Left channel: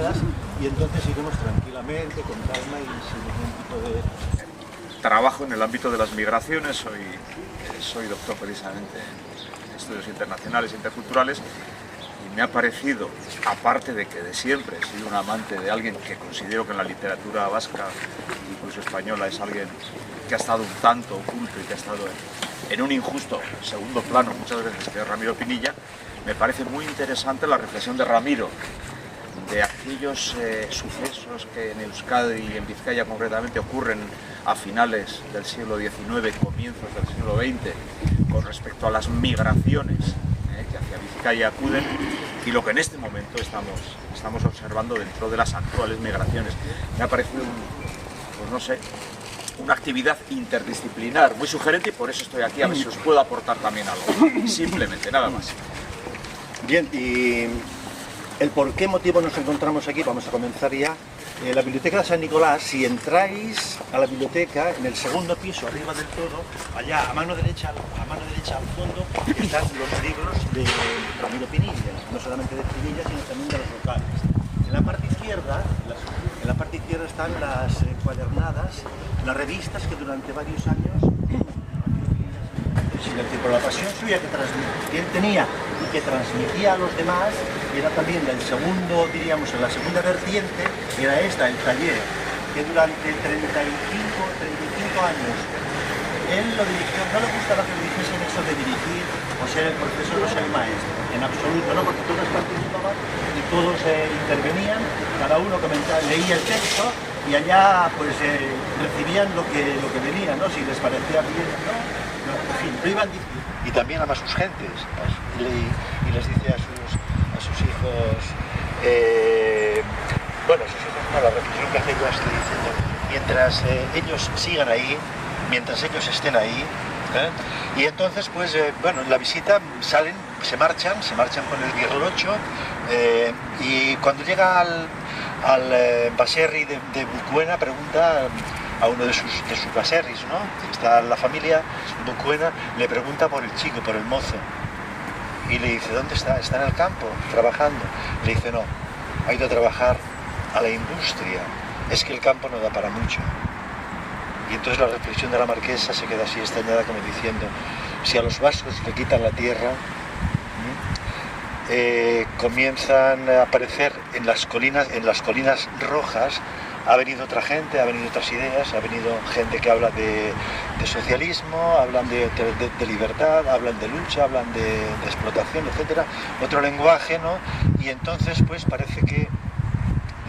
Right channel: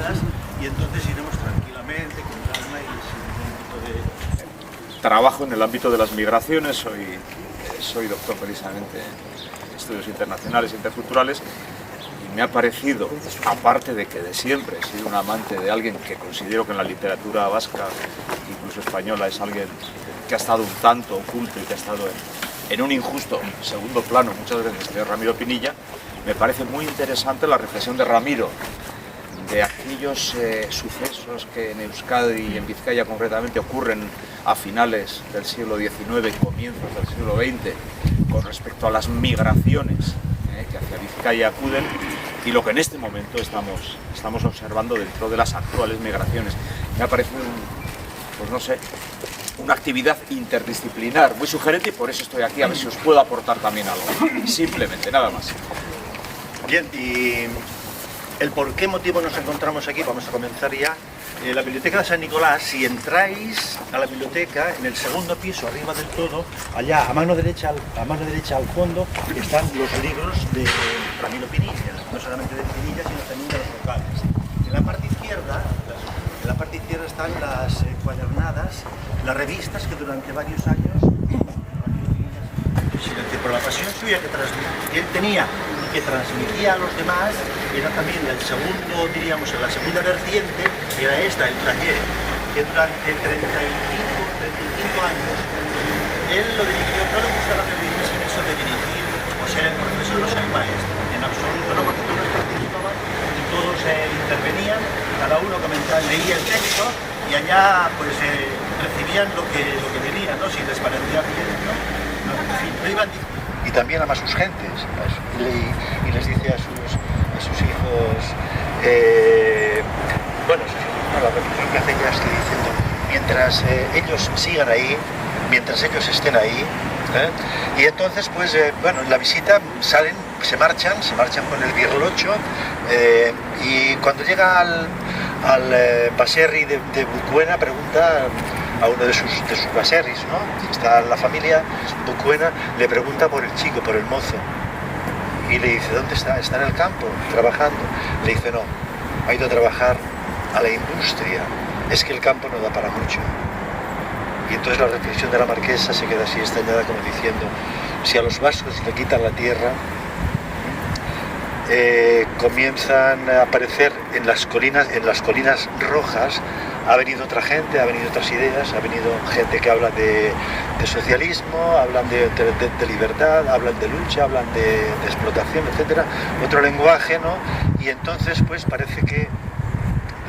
privadas, y entonces iremos tranquilamente, con calma y sin ningún tipo de... Trabajo en el ámbito de las migraciones, soy doctor precisamente en estudios internacionales e interculturales, y me ha parecido, aparte de que de siempre he sido un amante de alguien que considero que en la literatura vasca, incluso española, es alguien que ha estado un tanto oculto y que ha estado en un injusto segundo plano muchas veces, que es Ramiro Pinilla, me parece muy interesante la reflexión de Ramiro de aquellos sucesos que en Euskadi y en Vizcaya concretamente ocurren a finales del siglo XIX, comienzos del siglo XX, con respecto a las migraciones que hacia Vizcaya acuden, y lo que en este momento estamos observando dentro de las actuales migraciones. Me ha parecido, pues no sé, una actividad interdisciplinar muy sugerente, y por eso estoy aquí, a ver si os puedo aportar también algo. Simplemente, nada más. Bien, y el por qué motivo nos encontramos aquí, vamos a comenzar ya. La Biblioteca de San Nicolás, si entráis a la biblioteca, en el segundo piso, arriba del todo, allá a mano derecha al fondo, están los libros de Ramiro Pinilla, no solamente de Pinilla, sino también de los locales. En la parte izquierda están las encuadernadas, las revistas que durante varios años por la pasión suya que él tenía y que transmitía a los demás, era también el segundo, diríamos, en la segunda vertiente, era esta, el taller, que durante 35 años él lo dirigió. No le gustaba que le dijesen eso de dirigir o ser el profesor o ser el maestro, en absoluto, no, porque todos participaban y todos intervenían, cada uno comentaba, leía el texto y allá pues recibían lo que venía, ¿no? Si les parecía bien, no, en fin, lo iban diciendo. Y también ama a sus gentes, y les dice a sus hijos, la reflexión que hace ya estoy diciendo, mientras ellos sigan ahí, mientras ellos estén ahí, y entonces pues en la visita se marchan con el birlocho, y cuando llega al baserri de Bucuena pregunta a uno de sus baserris, ¿no? Está la familia Bucuena, le pregunta por el chico, por el mozo, y le dice, ¿dónde está? Está en el campo, trabajando. Le dice, no, ha ido a trabajar a la industria, es que el campo no da para mucho. Y entonces la reflexión de la marquesa se queda así estañada, como diciendo, si a los vascos le quitan la tierra, comienzan a aparecer en las colinas rojas, ha venido otra gente, ha venido otras ideas, ha venido gente que habla de socialismo, hablan de libertad, hablan de lucha, hablan de explotación, etcétera, otro lenguaje, ¿no? Y entonces pues parece que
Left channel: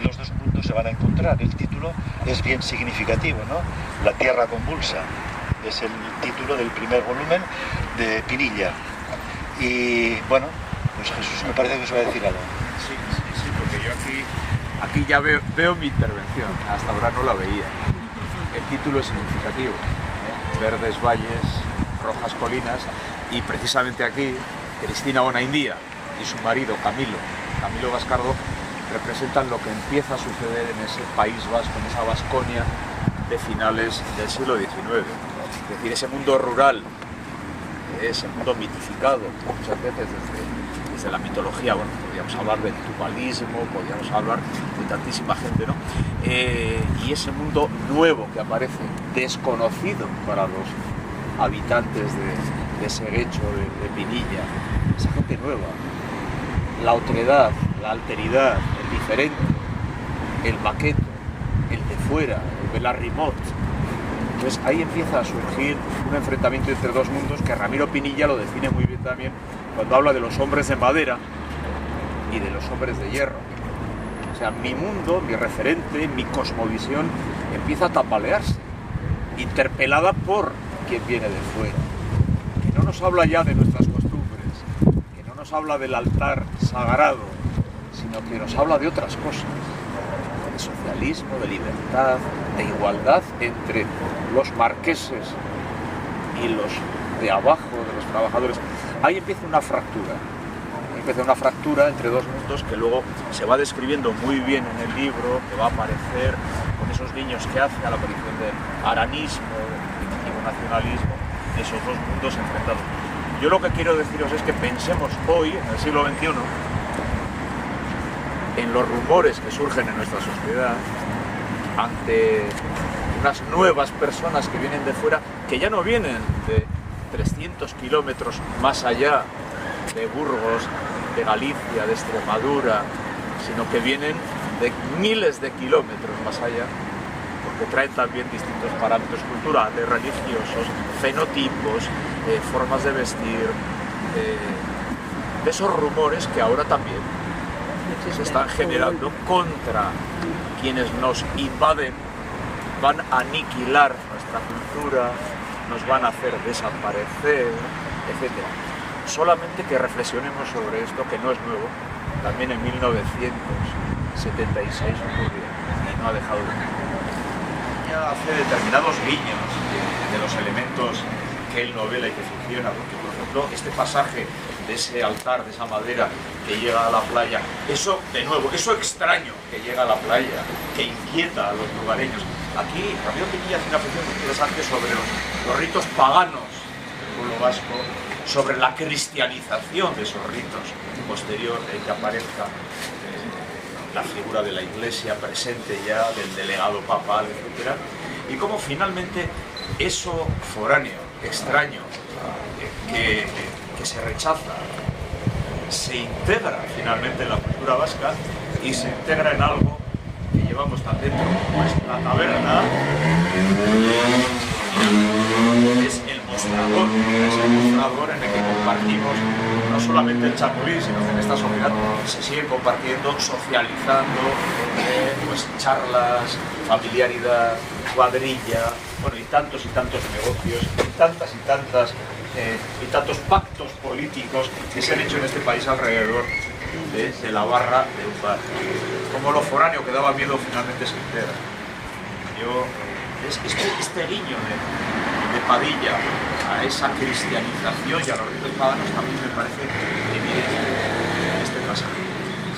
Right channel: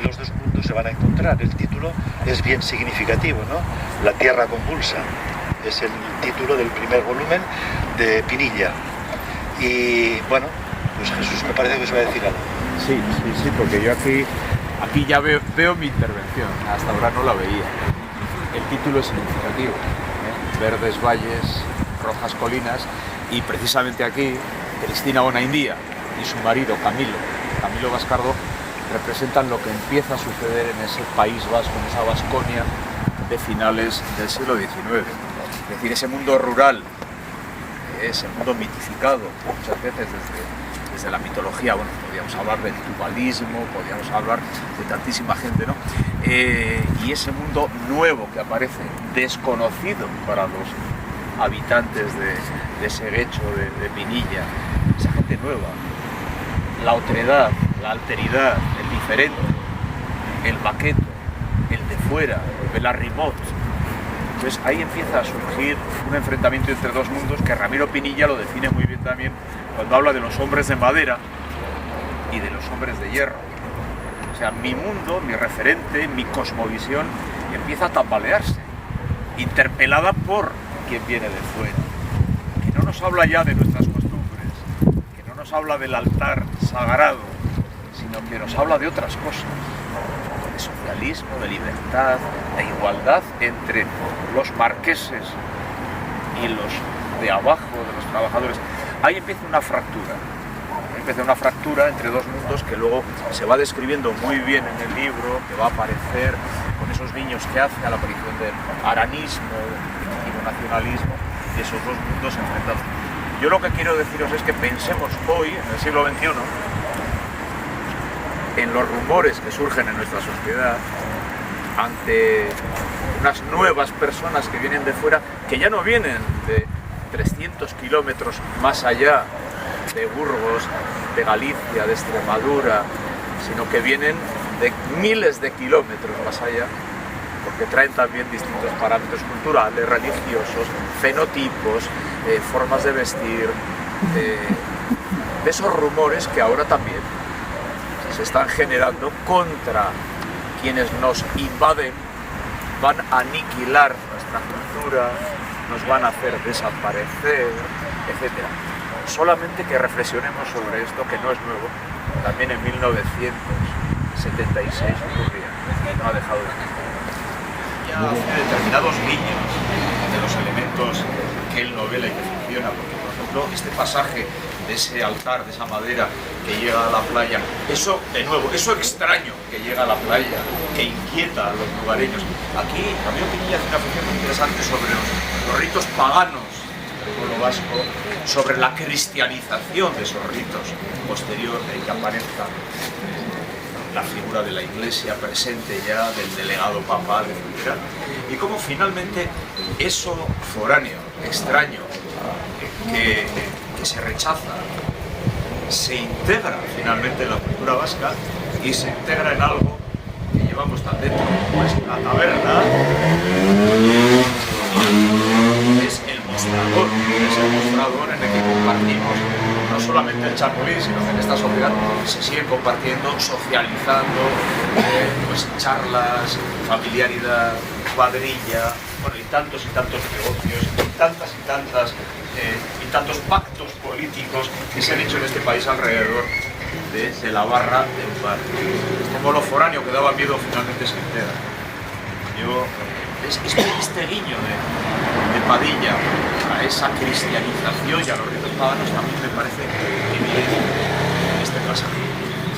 los dos mundos se van a encontrar. El título es bien significativo, ¿no? La tierra convulsa es el título del primer volumen de Pinilla. Y bueno, pues Jesús me parece que os va a decir algo. Sí, porque yo aquí ya veo mi intervención, hasta ahora no la veía. El título es significativo, Verdes valles, rojas colinas, y precisamente aquí Cristina Bonaindía y su marido Camilo Bascardo, representan lo que empieza a suceder en ese País Vasco, en esa Vasconia de finales del siglo XIX. Es decir, ese mundo rural, ese mundo mitificado muchas veces desde la mitología. Bueno, podríamos hablar del tubalismo, podríamos hablar de tantísima gente, ¿no? Y ese mundo nuevo que aparece, desconocido para los habitantes de ese lecho de Pinilla, esa gente nueva, la otredad, la alteridad, el diferente, el baqueto, el de fuera, el Belarrimot. Entonces ahí empieza a surgir un enfrentamiento entre dos mundos que Ramiro Pinilla lo define muy bien también cuando habla de los hombres de madera y de los hombres de hierro. O sea, mi mundo, mi referente, mi cosmovisión empieza a tambalearse, interpelada por quien viene de fuera. Que no nos habla ya de nuestras costumbres, que no nos habla del altar sagrado, sino que nos habla de otras cosas, de socialismo, de libertad, de igualdad entre los marqueses y los de abajo, de los trabajadores. Ahí empieza una fractura entre dos mundos que luego se va describiendo muy bien en el libro, que va a aparecer con esos guiños que hace a la aparición del aranismo, del primitivo nacionalismo, esos dos mundos enfrentados. Yo lo que quiero deciros es que pensemos hoy, en el siglo XXI, en los rumores que surgen en nuestra sociedad ante unas nuevas personas que vienen de fuera, que ya no vienen de 300 kilómetros más allá de Burgos, de Galicia, de Extremadura, sino que vienen de miles de kilómetros más allá, porque traen también distintos parámetros culturales, religiosos, fenotipos, formas de vestir, de esos rumores que ahora también se están generando contra quienes nos invaden, van a aniquilar nuestra cultura, nos van a hacer desaparecer, etc. Solamente que reflexionemos sobre esto, que no es nuevo, también en 1976 ocurría, no ha dejado de ocurrir. Ya hace determinados guiños de los elementos que él novela y que funciona, porque por ejemplo este pasaje de ese altar, de esa madera que llega a la playa, eso de nuevo, eso extraño que llega a la playa, que inquieta a los lugareños. Aquí Ramiro Pinilla hace una función muy interesante sobre los ritos paganos del pueblo vasco, sobre la cristianización de esos ritos posterior de que aparezca la figura de la Iglesia presente ya, del delegado papal, etc. Y cómo finalmente eso foráneo, extraño, que se rechaza, se integra finalmente en la cultura vasca y se integra en algo que llevamos tan dentro como es la taberna. Es el mostrador en el que compartimos no solamente el chapulín, sino que en esta sociedad se sigue compartiendo, socializando, pues charlas, familiaridad, cuadrilla, bueno, y tantos negocios, y tantos pactos políticos que se han hecho en este país alrededor de la barra de un bar. Como lo foráneo que daba miedo finalmente se integra. Este guiño de Padilla a esa cristianización y a los ritos paganos también me parece evidente en este pasaje.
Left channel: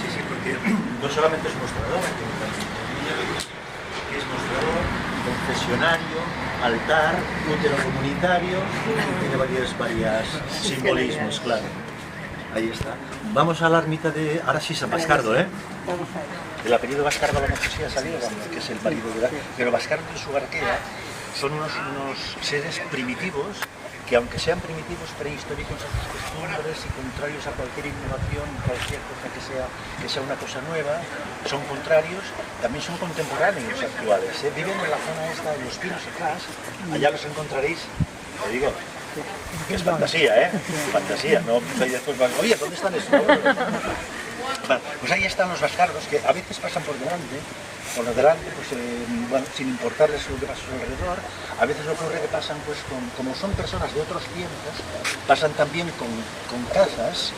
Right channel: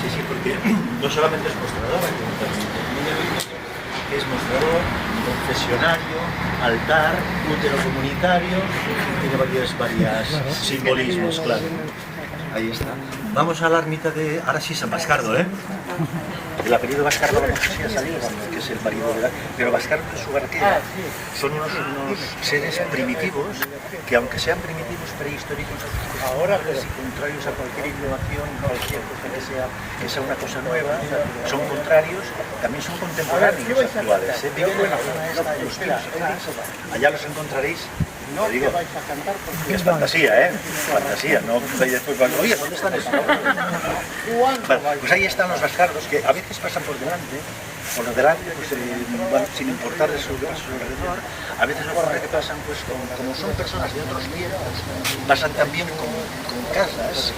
Sí, porque no solamente es mostrador, es mostrador, confesionario, altar, útero comunitario, tiene varios simbolismos, claro. Ahí está. Vamos a la ermita de, ahora sí, San Bascardo, ¿eh? El apellido Bascardo, no sé si ha salido, que es el marido de la... Pero Bascardo y su barquera son unos seres primitivos que, aunque sean primitivos prehistóricos, ahora y contrarios a cualquier innovación, cualquier cosa que sea una cosa nueva, son contrarios, también son contemporáneos actuales. Viven en la zona esta de los tiros atrás, allá los encontraréis. Lo digo, es fantasía, fantasía, no soy después, oye, ¿dónde están esos? Bueno, pues ahí están los bascardos que a veces pasan por delante, pues, bueno, sin importarles a su alrededor. A veces ocurre que pasan, pues, como son personas de otros tiempos, pasan también con casas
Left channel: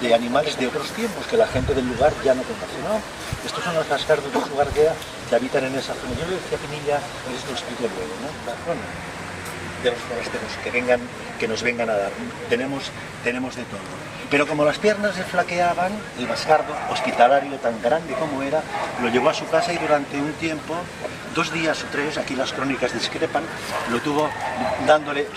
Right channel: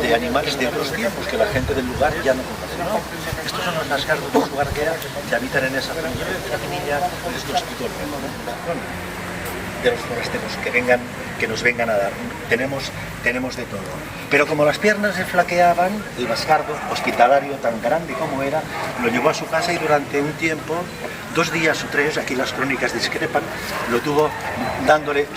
de animales de otros tiempos que la gente del lugar ya no conoce, ¿no? Estos son los bascardos de su guardia que habitan en esa zona. Yo le decía a Pinilla, les lo explico luego, ¿no? De los forasteros que nos vengan a dar. Tenemos de todo. Pero como las piernas le flaqueaban, el bascardo, hospitalario tan grande como era, lo llevó a su casa y durante un tiempo, 2 días o 3, aquí las crónicas discrepan, lo tuvo dándole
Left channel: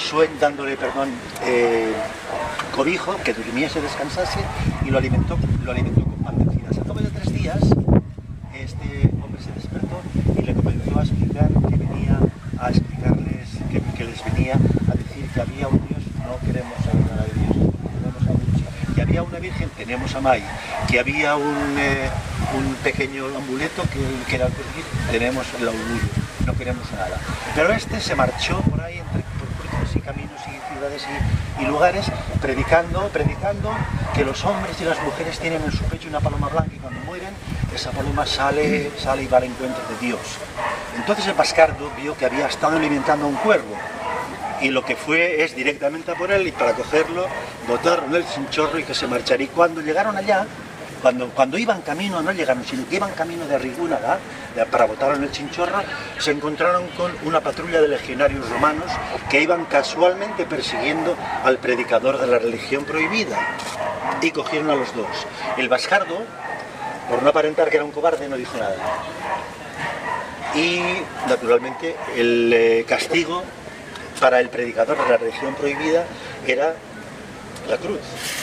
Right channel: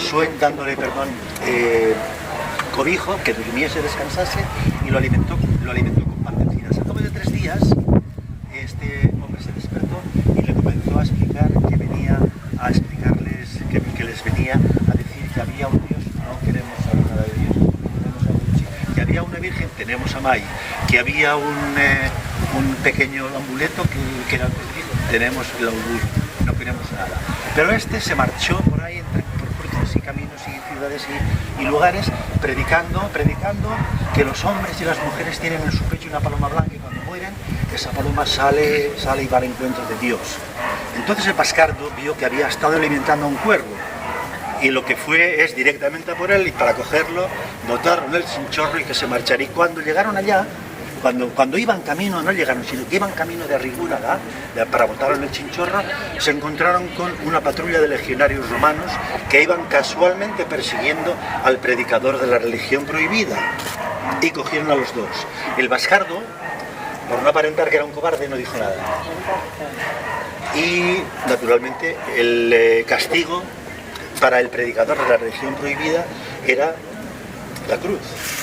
cobijo, que durmiese, descansase, y lo alimentó con pan de encinas. Al cabo de 3 días, este hombre se despertó y le comenzó a explicar que venía a explicarles, que les venía a decir que había un Dios, no queremos saber nada de Dios, queremos saber de sí, que había una Virgen, tenemos a May, que había un pequeño amuleto que era el crucifijo, tenemos el augurio, no queremos nada. Pero este se marchó por ahí por cruces y caminos y ciudades y lugares predicando que los hombres y las mujeres tienen en su pecho una paloma blanca y cuando mueren esa paloma sale y va al encuentro de Dios. Entonces el bascardo vio que había estado alimentando a un cuervo y lo que fue es directamente a por él y para cogerlo botaron el chinchorro y que se marcharía. Y cuando llegaron allá, cuando iban camino, no llegaron, sino que iban camino de Rigúnaga, para botar en el chinchorro, se encontraron con una patrulla de legionarios romanos que iban casualmente persiguiendo al predicador de la religión prohibida y cogieron a los dos. El bascardo, por no aparentar que era un cobarde, no dijo nada. Y naturalmente el castigo para el predicador de la religión prohibida era la cruz,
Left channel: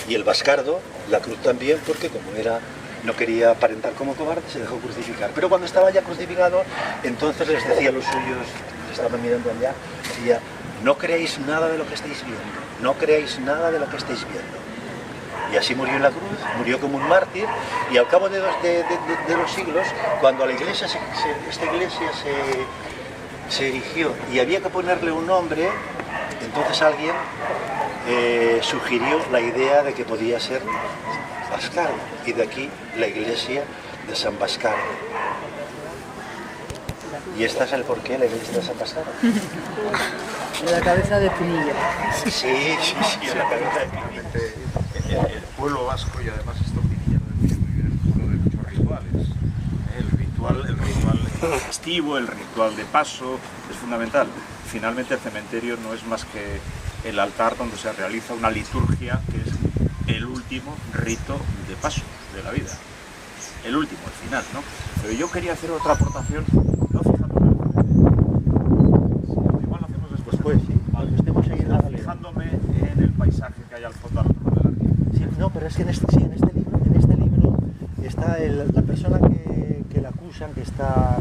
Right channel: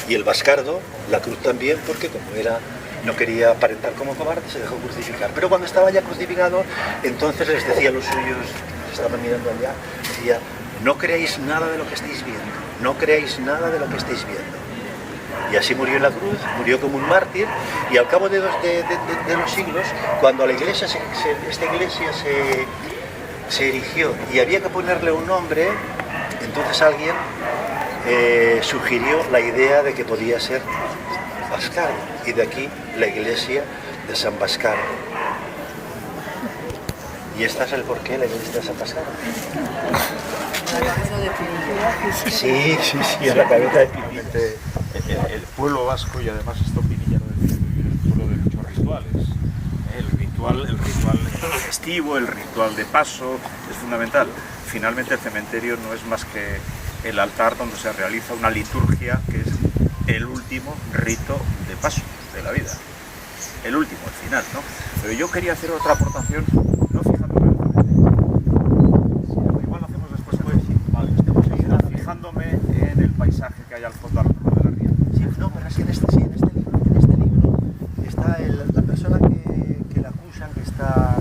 y el bascardo la cruz también, porque como era no quería aparentar como cobarde, se dejó crucificar. Pero cuando estaba ya crucificado, entonces les decía a los suyos, estaban mirando allá, decía, no creáis nada de lo que estáis viendo, no creáis nada de lo que estáis viendo. Y así murió en la cruz, murió como un mártir, y al cabo de los siglos, cuando la iglesia esta iglesia se erigió y había que ponerle un nombre, entonces alguien sugirió la idea de que podía ser Bascardo, y de aquí la iglesia de San Bascardo. Y este es el porqué, la iglesia de San Bascardo. La cabeza de Pinilla. Sí, en la cabeza de Pinilla. El pueblo vasco, y además esto Pinilla lo decía muy bien, el pueblo de muchos rituales. El ritual festivo, el ritual de paso, es fundamental. Finalmente el cementerio no es más que el altar donde se realiza una liturgia que es el último rito de paso de la vida. El último, el final, ¿no? Pero yo quería hacer otra aportación, no fijándome en el cementerio, sino igual lo hacemos después. Vale, fijándome en el paisaje que hay al fondo al otro lado de la ría. Sí, no, pero es que en este libro está la persona que la acusan, que está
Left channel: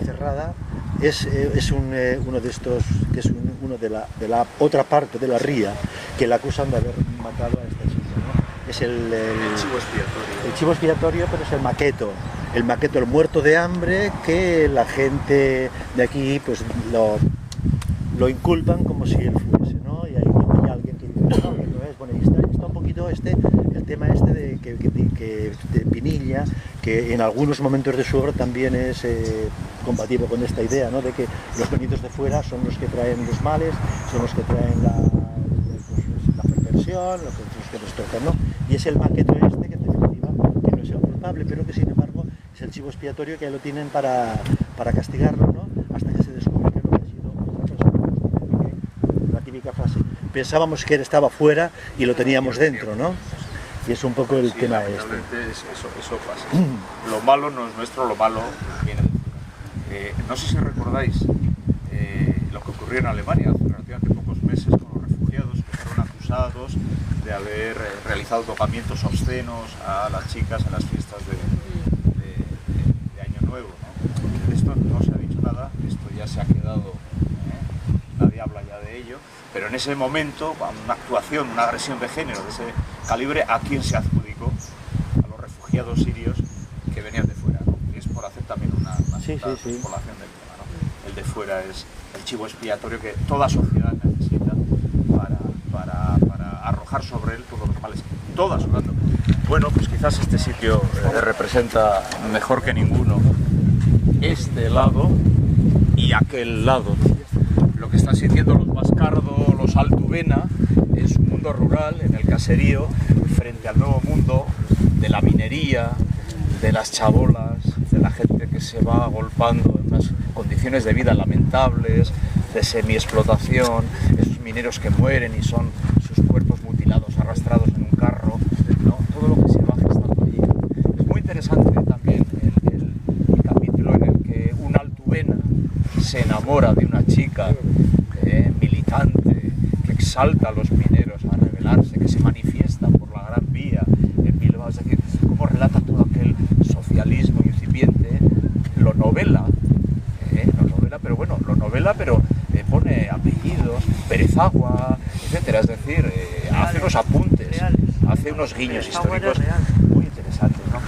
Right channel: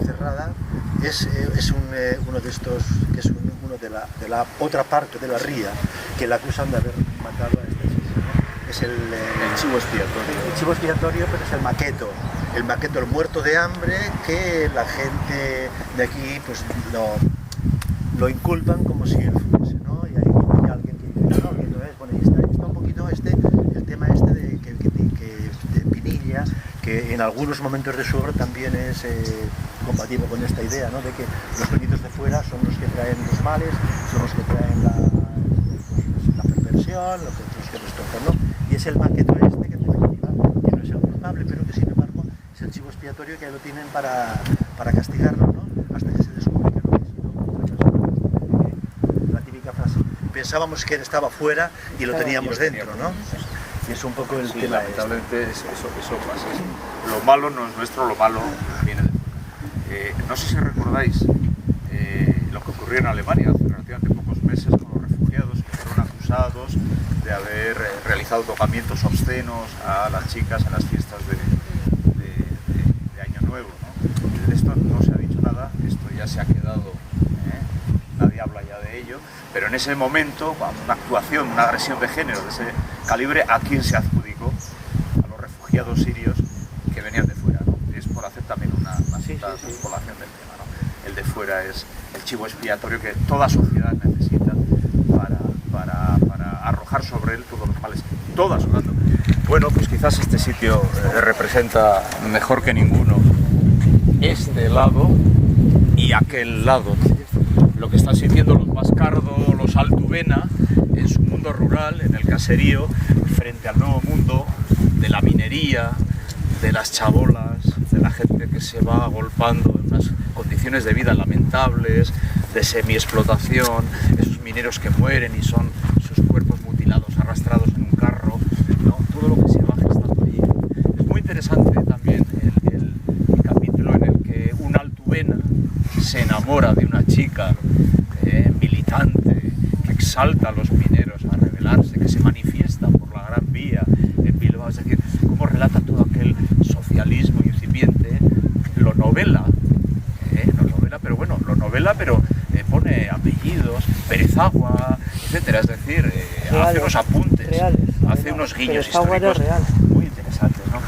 encerrada, es uno de estos, que es uno de la otra parte de la ría, que la acusan de haber matado a esta chica, ¿no? Es el chivo expiatorio. El chivo expiatorio, pero es el maqueto, el muerto de hambre, que la gente de aquí pues lo inculpan como si él fuese, ¿no? Y hay alguien que dice, no, que no es, bueno, y está un poquito el tema de Pinilla, que en algunos momentos de su obra también es combativo con esta idea, ¿no? De que los venidos de fuera son los que traen los males, son los que traen la perversión, los que destrozan, ¿no? Y es el maqueto que en definitiva que no es el culpable, pero que sin embargo es el chivo expiatorio que lo tienen para castigarlo, ¿no? Hasta que se descubre que no ha sido otra persona. La típica frase, pensábamos que él estaba fuera y lo teníamos dentro, ¿no? Y es un poco el tema lamentablemente eso pasa. Lo malo no es nuestro, lo malo viene de fuera. No sé si recordáis lo que ocurrió en Alemania hace relativamente pocos meses con los refugiados que fueron acusados de haber realizado tocamientos obscenos a las chicas en las fiestas de Año Nuevo, ¿no? De esto no se ha dicho nada, esto ya se ha quedado, nadie habla ya de ello, pero en ese momento, una actuación, una agresión de género de ese calibre, ¿a quién se adjudicó? A los refugiados sirios que venían de fuera, ¿no? Es por hacer también una población del tema, ¿no? El de fuera es el chivo expiatorio que toda sociedad necesita para arrojar sobre él todos los males, todas hablando. Bueno, pues quizás este sitio representa mejor que ninguno este lado y aquel lado, ¿no? Lo que están sintiendo los Bascardo, los Altubena, en su mundo rural, en el caserío, frente al nuevo mundo de la minería, de las chabolas, de la gente que se va agolpando en unas condiciones de vida lamentables, de semi-explotación, esos mineros que mueren y son sus cuerpos mutilados, arrastrados en un carro, ¿no? Todo lo que se va gestando allí. Es muy interesante también el capítulo en el que un Altubena se enamora de una chica militante que exalta a los mineros a rebelarse, que se manifiesta por la Gran Vía en Bilbao, es decir, cómo relata todo aquel socialismo incipiente, lo novela, pero bueno, pone apellidos, Perezagua, etcétera, es decir, hace unos apuntes, hace unos guiños históricos muy interesantes, ¿no?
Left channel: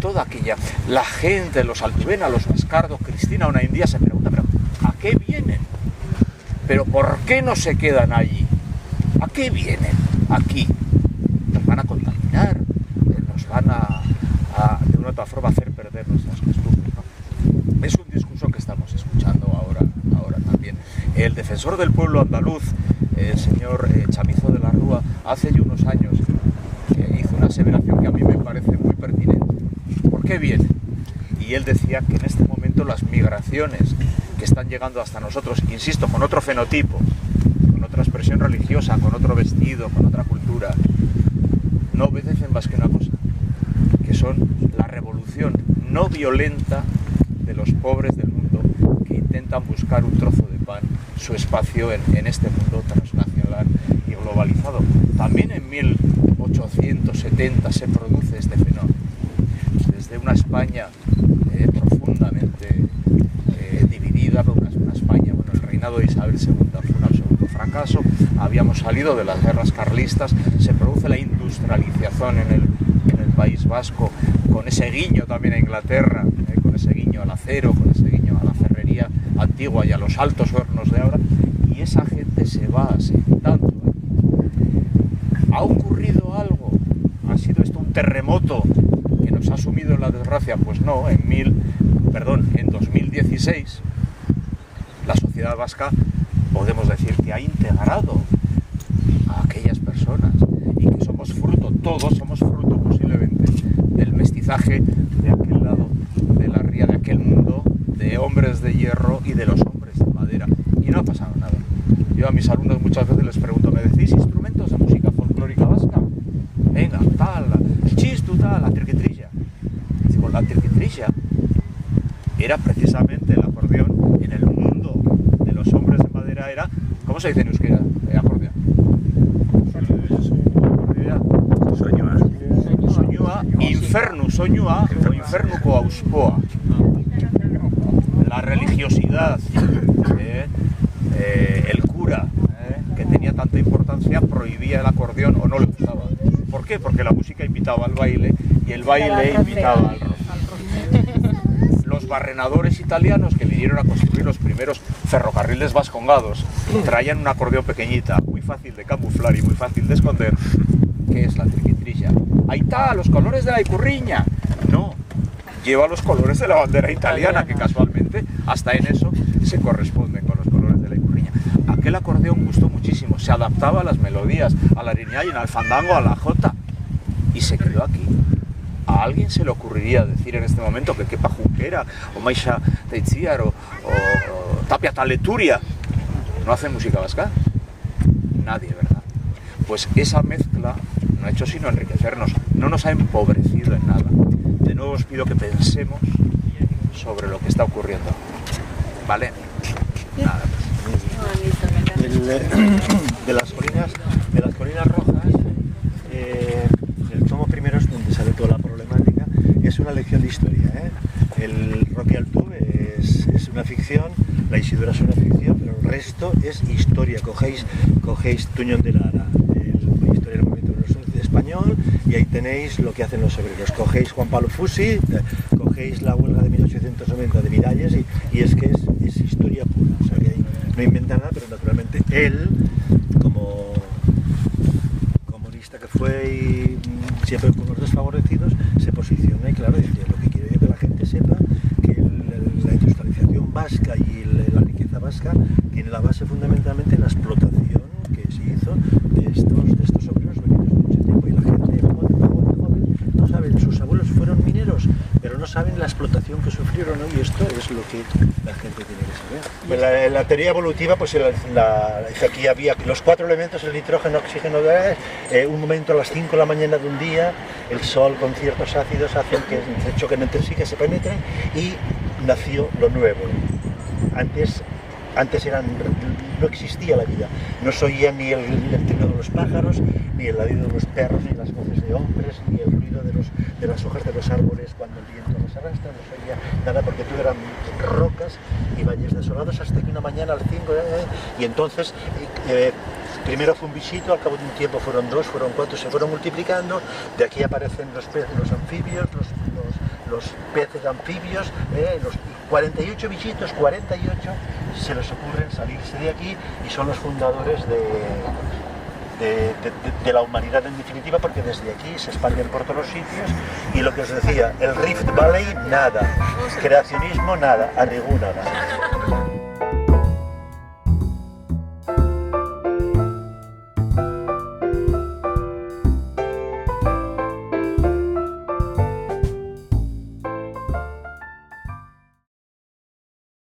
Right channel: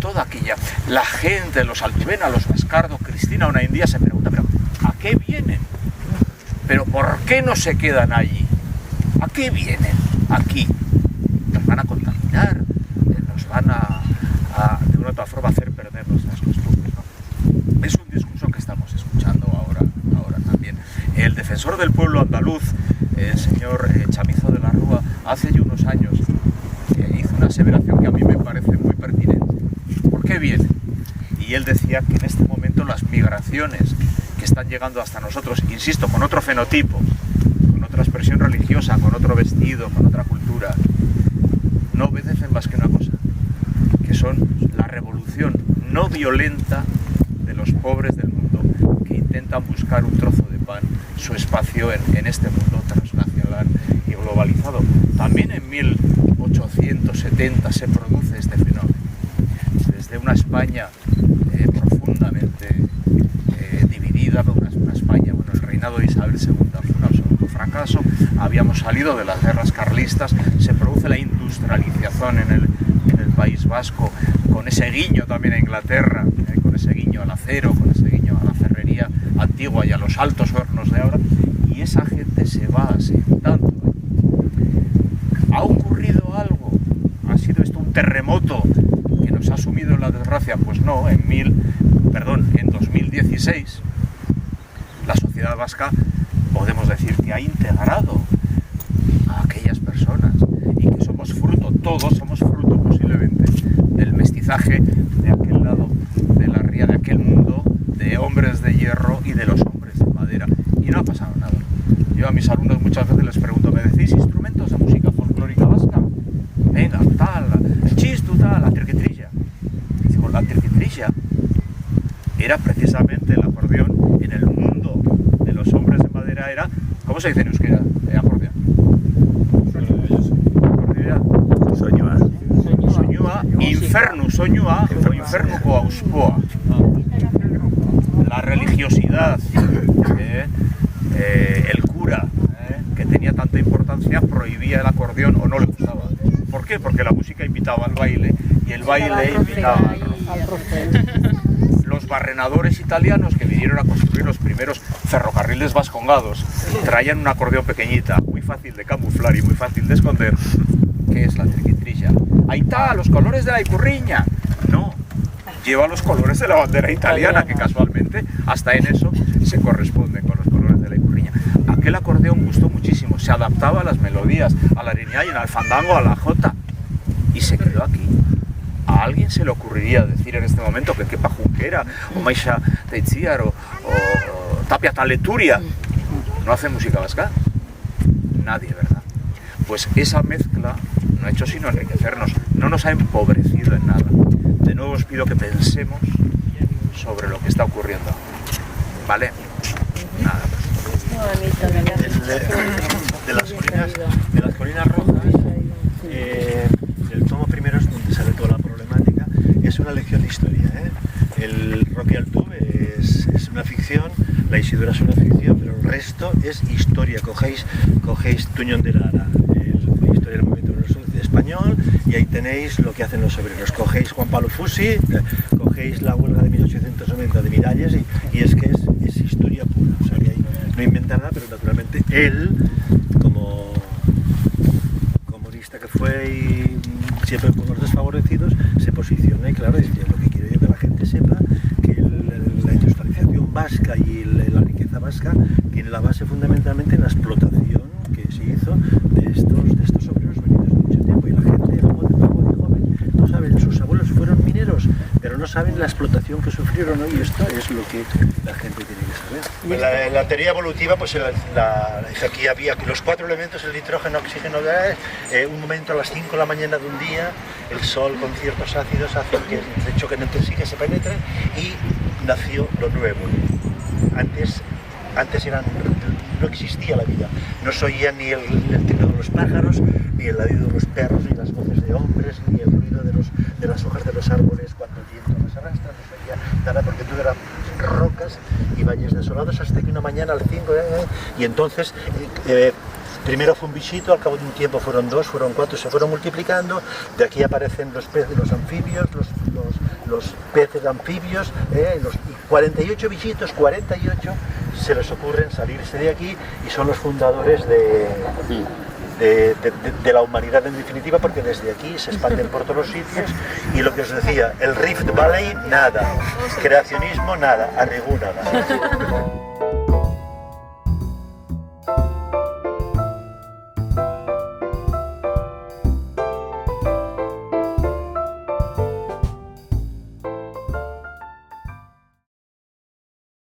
Toda aquella, la gente, los Altubena, los Bascardo, Cristina, una india se pregunta, pero ¿a qué vienen? ¿Pero por qué no se quedan allí? ¿A qué vienen aquí? Nos van a contaminar, nos van a de una u otra forma hacer perder nuestras costumbres, ¿no? Es un discurso que estamos escuchando ahora también. El defensor del pueblo andaluz, el señor Chamizo de la Rúa, hace ya unos años hizo una aseveración que a mí me parece muy pertinente. ¿Por qué vienen? Y él decía que en este momento las migraciones que están llegando hasta nosotros, insisto, con otro fenotipo, con otra expresión religiosa, con otro vestido, con otra cultura, no obedecen más que una cosa, que son la revolución no violenta de los pobres del mundo que intentan buscar un trozo de pan, su espacio en este mundo transnacional y global. globalizado. También en 1870 se produce este fenómeno. Desde una España profundamente dividida, una España, bueno, el reinado de Isabel II fue un absoluto fracaso, habíamos salido de las guerras carlistas, se produce la industrialización en el País Vasco, con ese guiño también a Inglaterra, con ese guiño al acero, con ese guiño a la ferrería antigua y a los altos hornos de ahora, y esa gente se va asentando. ¿Ha ocurrido algo? ¿Ha sido esto un terremoto que nos ha sumido en la desgracia? Pues no, en 2016 la sociedad vasca, podemos decir que ha integrado a aquellas personas y que somos fruto, todos somos fruto posiblemente del mestizaje de aquel lado de la ría, de aquel mundo de hombres de hierro y de los hombres de madera, y no ha pasado nada. Yo a mis alumnos muchas veces les pregunto, ¿me decís instrumentos de música folclórica vasca? Venga, tal, el chistu, tal, la triquitrilla. Y digo, la triquitrilla era precisamente el acordeón. En el mundo de los hombres de madera era, ¿cómo se dice en euskera acordeón? Soñua. Soñua, infernu soñua o infernuko auspoa. La religiosidad, el cura, que tenía tanta importancia, prohibía el acordeón o no le gustaba. ¿Por qué? Porque la música invitaba al baile y el baile invitaba al rock. Los barrenadores italianos que vinieron a construir los primeros ferrocarriles vascongados traían un acordeón pequeñita, muy fácil de camuflar y muy fácil de esconder. ¿Qué es la triquitrilla? Ahí está, los colores de la icurriña. No, lleva los colores de la bandera italiana, que casualmente hasta en eso se corresponden con los colores de la icurriña. Aquel acordeón gustó muchísimo, se adaptaba a las melodías, a la riñaina, al fandango, a la jota, y se quedó aquí. ¿A alguien se le ocurriría decir en este momento que Kepa Junquera o Maisha Teitziar o Tapia Taleturia no hace música vasca? Nadie, ¿verdad? Pues esa mezcla no ha hecho sino enriquecernos, no nos ha empobrecido en nada. De nuevo os pido que pensemos sobre lo que está ocurriendo. ¿Vale? Nada más. De las colinas rojas, el tomo primero es donde sale toda la problemática, es una lección de historia. El Roque Altú es una ficción, la Isidora es una ficción, pero el resto es historia. Cogéis Tuñón de Lara, la historia del movimiento español, y ahí tenéis lo que hacen los obreros. Cogéis Juan Pablo Fusi, cogéis la huelga de 1890 de Miralles, y es que es historia pura. O sea, que ahí no inventa nada, pero naturalmente él, como comunista que fue y siempre con los desfavorecidos, se posiciona, y claro, es que lo que quiero yo que la gente sepa que la industrialización vasca y la riqueza vasca tiene la base fundamentalmente en la explotación que se hizo de estos obreros venidos de mucho tiempo, y la gente joven no saben, sus abuelos fueron mineros, pero no saben la explotación que sufrieron, ¿no? Y esto es lo que la gente tiene que saber. La teoría evolutiva, pues aquí había los 4 elementos: el nitrógeno, oxígeno, gas. Un momento a las 5 de la mañana de un día, el sol con ciertos ácidos hacen que se choquen entre sí, que se penetren, y nació lo nuevo. Antes no existía la vida, no se oía ni el trino de los pájaros, ni el ladrido de los perros, ni las voces de hombres, ni el ruido de las hojas de los árboles cuando el viento las arrastra, no se oía nada, porque todo eran rocas y valles desolados, hasta que una mañana al 5, y entonces primero fue un bichito, al cabo de un tiempo fueron 2, fueron 4, se fueron multiplicando. De aquí aparecen los peces, los anfibios, los peces anfibios, los 48 bichitos, 48 se les ocurren salirse de aquí, y son los fundadores de la humanidad en definitiva, porque desde aquí se expanden por todos los sitios. Y lo que os decía, el Rift Valley, nada, creacionismo, nada, Arrigú, nada.